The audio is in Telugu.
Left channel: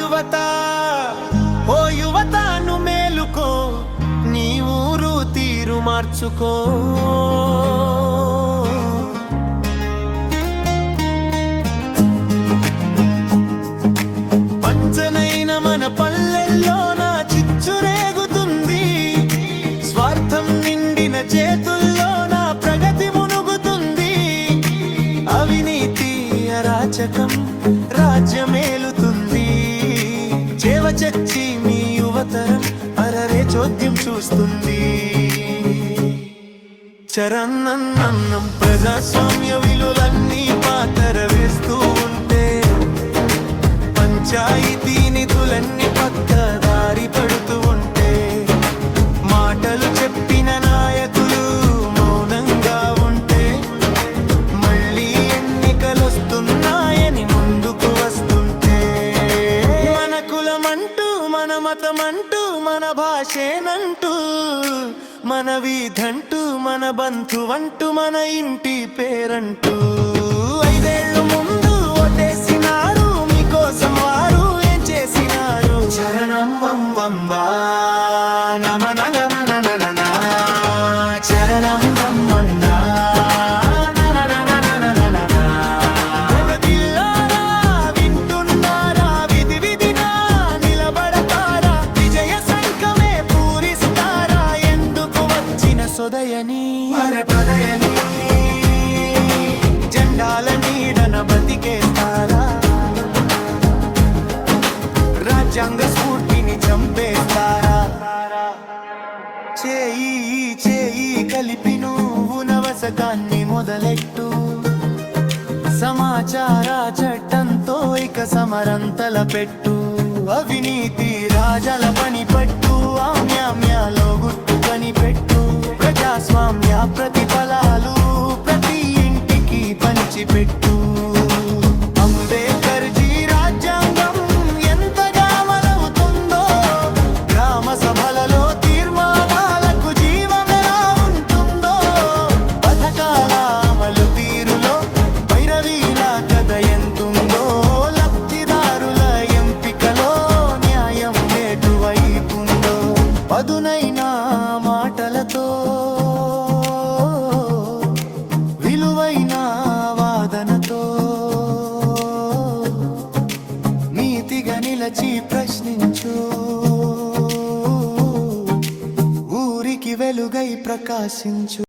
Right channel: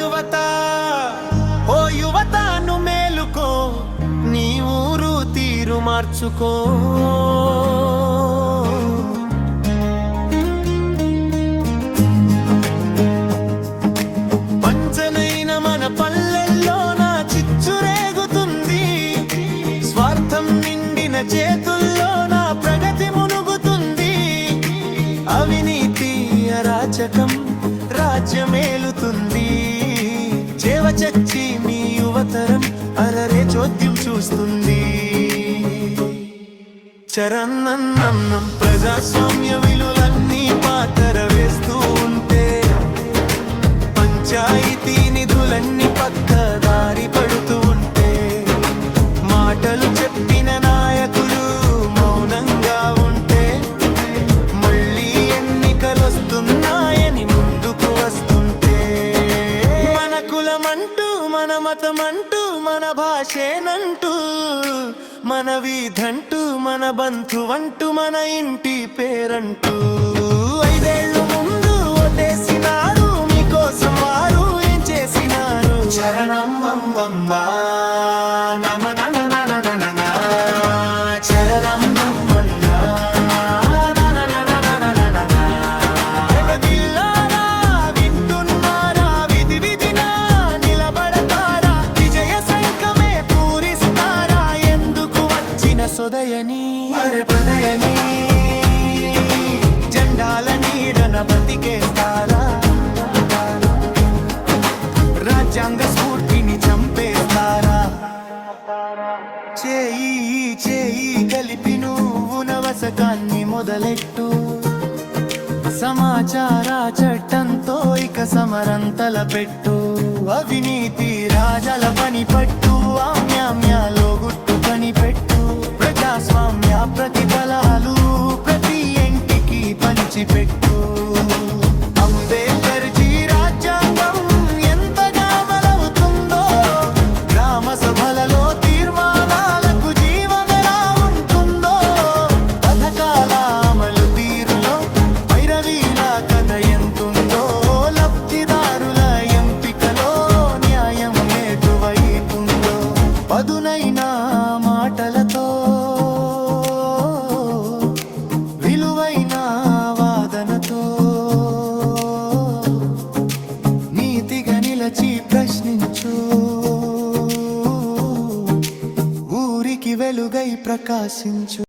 యువత ఓ యువత ను మేలుకో, నీ ఊరు తీరు మార్చుకో. పంచనైన మన పల్లెల్లో నా చిచ్చురేగుతుంది, స్వార్థం నిండిన చేతుల్లో నా ప్రగతి మునుగుతుంది. అవినీతి అరాచకం రాజ్యమేలుతుంది, చేవచచ్చి మీ యువతరం అరరే చోద్యం చూస్తుంది. చరన్నన్నం ప్రజాస్వామ్య విలువలన్నీ పాతర వేస్తూ ఉంటే, పంచాయతీ నిధులన్నీ పక్కదారి పడుతూ ఉంటే, మాటలు చెప్పిన నాయకులు మౌనంగా ఉంటే, మళ్ళీ ఎన్నికలొస్తున్నాయని ముందుకు వస్తుంటే, మన కులమంటూ మన మతమంటూ మన భాషేనంటూ, మన వీధంటూ మన బంధువంటూ మన ఇంటి పేరంటూ, 5 ఏళ్ళు ముందు ఓటేసినారు మీకోసం వారు ఏం చేసినారు. చరణం వంబా నమ నన నన నన, చరణం బ్రహ్మన్నా వింటున్నారా, విధి విధినా నిలబడతారా, విజయ సంకమే పూరిస్తారా, ఎందుకు వచ్చిన సొదయని పదయని జెండాల నీడన బతికేస్తారా, రాజ్యాంగ స్ఫూర్తిని చంపేస్తారా. చేయి చేయి కలిపి నువ్వు నవశకాన్ని మొదలెట్టు, సమాచార చట్టంతో ఇక సమరం తలపెట్టు. అవినీతి రాజల పని పట్టు, ఆమ్యామ్యాలో గుట్టు కనిపెట్టు. ప్రజాస్వామ్య ప్రతిఫలాలు ప్రతి ఇంటికి పంచిపెట్టు. అంబేద్కర్ జీ రాజ్యాంగం ఎంతగా అమలవుతుందో, గ్రామ సభలలో తీర్మానాలకు జీవమెలా ఉంటుందో, పథకాల అమలు తీరులో భైరవీల కథ ఎంతుందో, లబ్ధిదారుల ఎంపికలో న్యాయం ఎటువైపుందో, పదునైన మాటలతో విలువైన వాదనతో నీతిగా నిలచి ప్రశ్నించు, ఊరికి వెలుగై ప్రకాశించు.